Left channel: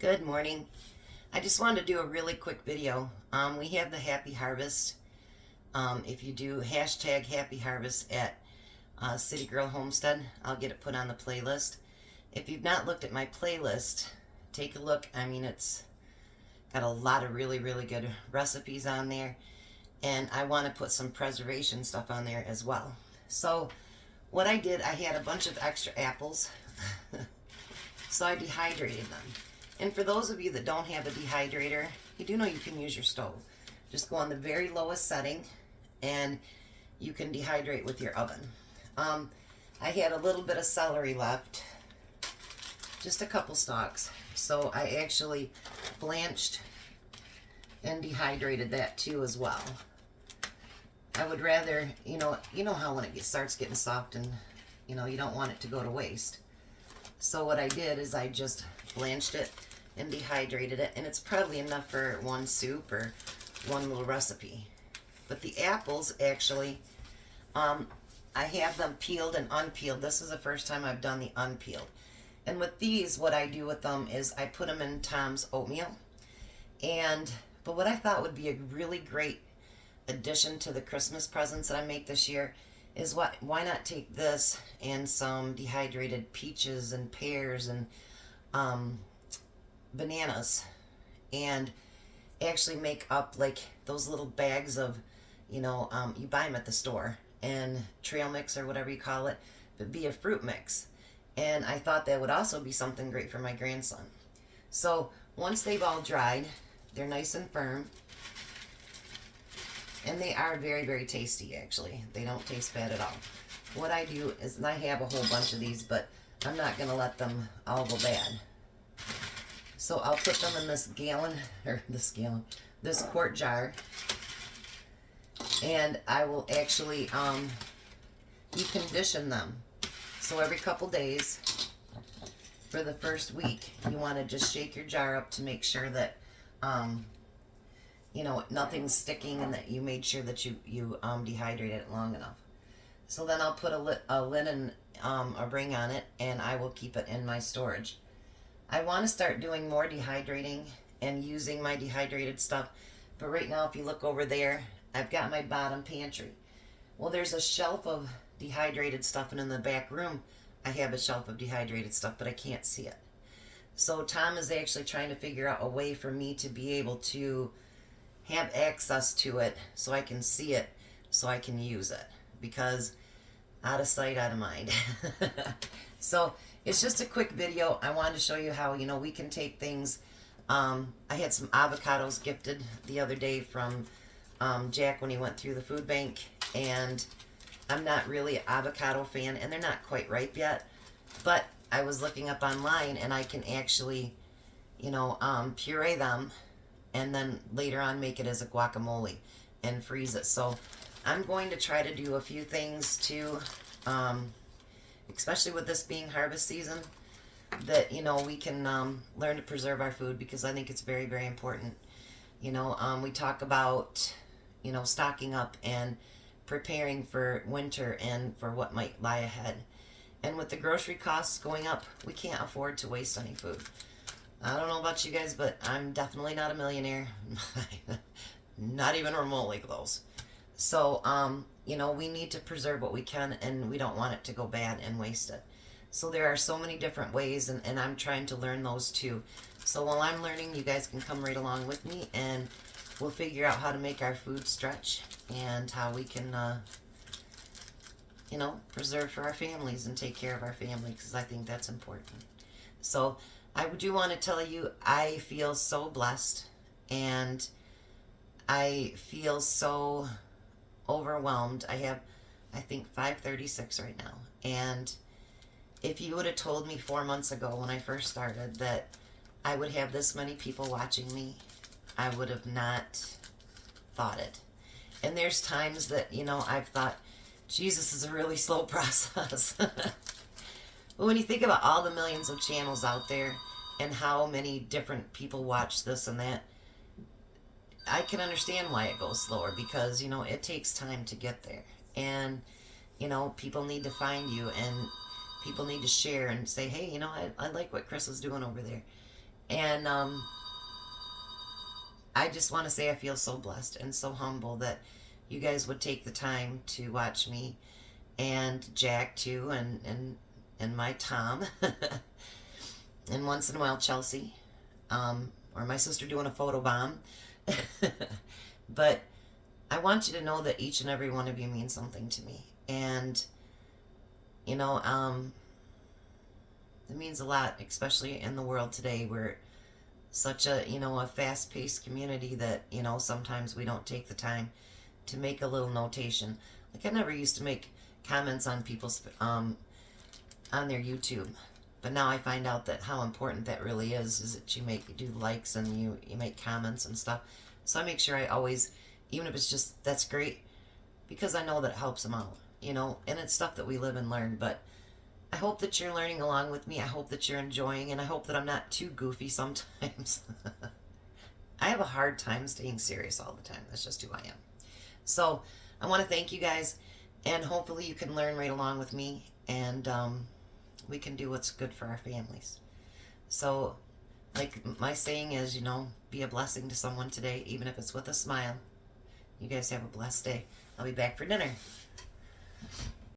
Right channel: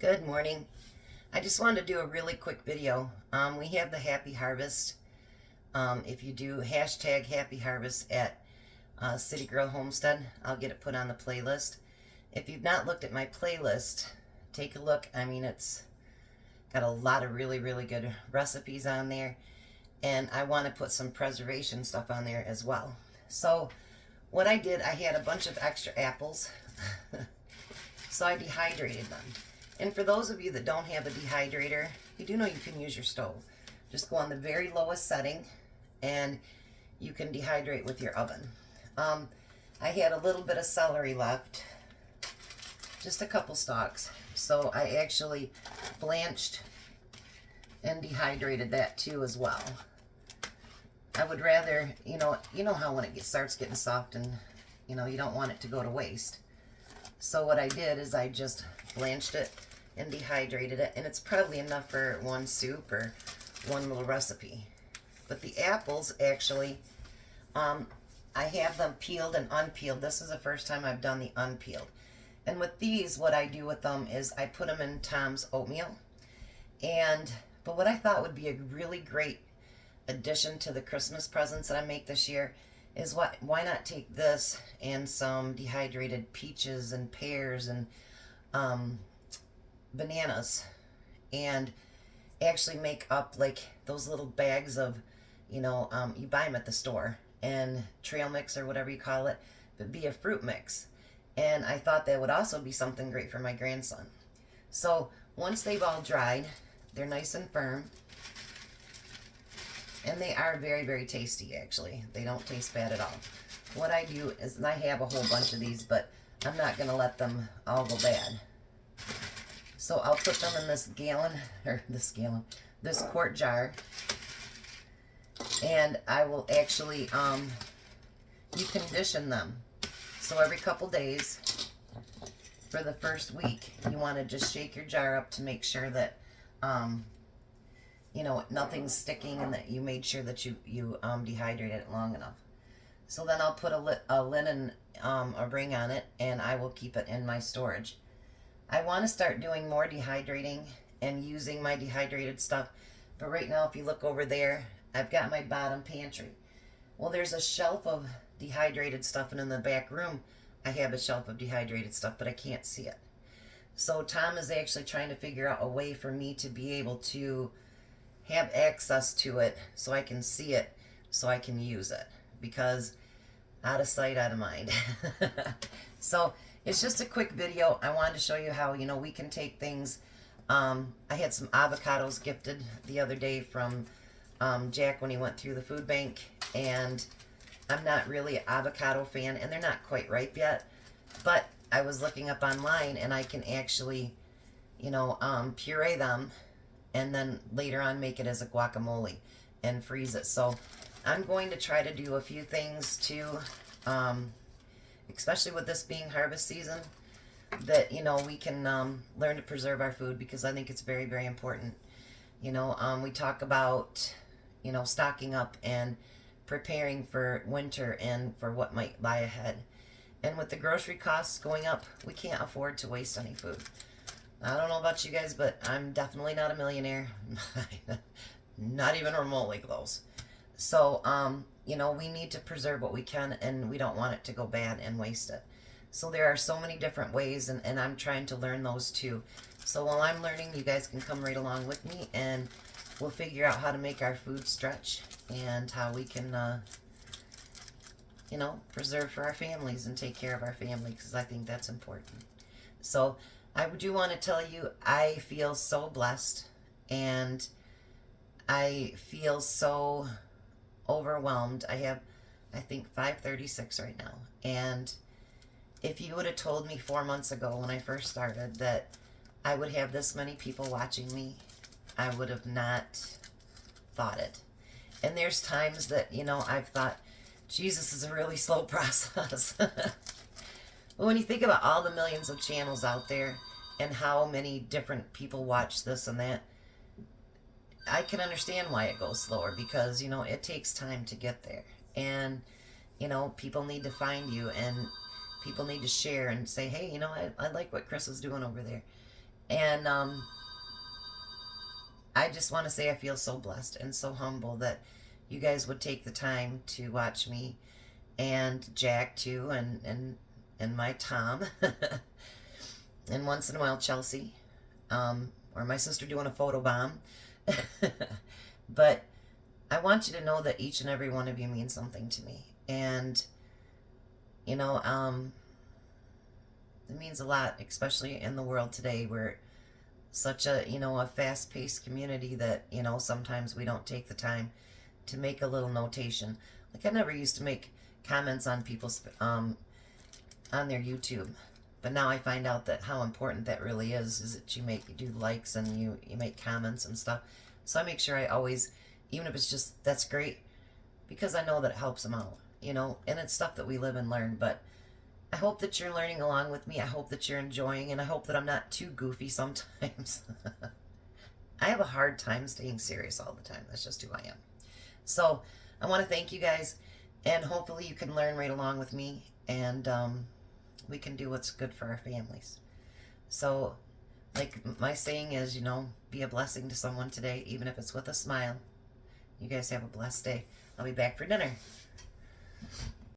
Good morning. I just wanted to do a really quick video. We have the Happy Harvest. If you do hashtag Happy Harvest at City Girl Homestead, I'll get it put on the playlist. If you've not looked at my playlist, take a look. I mean, it's got a lot of really good recipes on there, and I want to put some preservation stuff on there as well. So what I did, I had a bunch of extra apples, so I dehydrated them. And for those of you that don't have a dehydrator, you do know you can use your stove. Just go on the very lowest setting and you can dehydrate with your oven. I had a little bit of celery left, just a couple stalks. So I actually blanched and dehydrated that too as well. I would rather, you know how when it starts getting soft and you don't want it to go to waste. So what I did is I just blanched it and dehydrated it, and it's probably enough for one soup or one little recipe. But the apples, actually, I have them peeled and unpeeled. This is the first time I've done the unpeeled. And with these, what I do with them is I put them in Tom's oatmeal. But what I thought would be a really great addition to the Christmas presents that I make this year is why not take this and some dehydrated peaches and pears and bananas, and actually make up like those little bags of, you buy them at the store, and trail mix or whatever you call it, but be a fruit mix. And I thought that would also be something great for my grandson. So once they've all dried, they're nice and firm, and they are very tasty. Actually, they don't taste bad at all. What I do is, and I have a whole bunch of these, but I'm not going to let them all go bad. So I'll put them in this quart jar, and I will actually decondition them. So every couple days for the first week, you want to just shake your jar up to make sure that nothing's sticking, and that you made sure that you dehydrated it long enough. So then I'll put a linen a ring on it, and I will keep it in my storage. I want to start doing more dehydrating and using my dehydrated stuff, but right now, if you look over there, I've got my bottom pantry. Well, there's a shelf of dehydrated stuff, and in the back room I have a shelf of dehydrated stuff, but I can't see it. So Tom is actually trying to figure out a way for me to be able to have access to it so I can see it, so I can use it, because out of sight, out of mind. So it's just a quick video. I wanted to show you how, we can take things. I had some avocados gifted the other day from Jack when he went through the food bank, and I'm not really an avocado fan, and they're not quite ripe yet, but I was looking up online, and I can actually, puree them, and then later on make it as a guacamole and freeze it. So I'm going to try to do a few things to, especially with this being harvest season, that, we can learn to preserve our food, because I think it's very important. We talk about, stocking up and preparing for winter and for what might lie ahead. And with the grocery costs going up, we can't afford to waste any food. I don't know about you guys, but I'm definitely not a millionaire. Not even remotely close. So, we need to preserve what we can, and we don't want it to go bad and waste it. So there are so many different ways, and I'm trying to learn those too. So while I'm learning, you guys can come right along with me, and we'll figure out how to make our food stretch, and how we can, preserve for our families and take care of our family, because I think that's important. So I do want to tell you, I feel so blessed, and I feel so overwhelmed. I have, I think, 536 right now. And if you would have told me 4 months ago when I first started that I would have this many people watching me, I would have not thought it. And there's times that, I've thought, Jesus, is a really slow process. But when you think about all the millions of channels out there and how many different people watch this and that, I can understand why it goes slower, because, it takes time to get there. And, people need to find you, and people need to share and say, hey, I like what Chris is doing over there. And I just want to say I feel so blessed and so humble that you guys would take the time to watch me, and Jack too, and my Tom, and once in a while Chelsea, or my sister doing a photo bomb. But I want you to know that each and every one of you means something to me, and you know, it means a lot, especially in the world today where such a, you know, a fast-paced community that, you know, sometimes we don't take the time to make a little notation. Like, I never used to make comments on people's on their YouTube, but now I find out that how important that really is that you do likes and you make comments and stuff. So I make sure I always, even if it's just, that's great, because I know that it helps them out, you know, and it's stuff that we live and learn. But I hope that you're learning along with me. I hope that you're enjoying, and I hope that I'm not too goofy sometimes. I have a hard time staying serious all the time. That's just who I am. So I want to thank you guys, and hopefully you can learn right along with me, and we can do what's good for our families. So, like my saying is, you know, be a blessing to someone today, even if it's with a smile. You guys have a blessed day. I'll be back for dinner.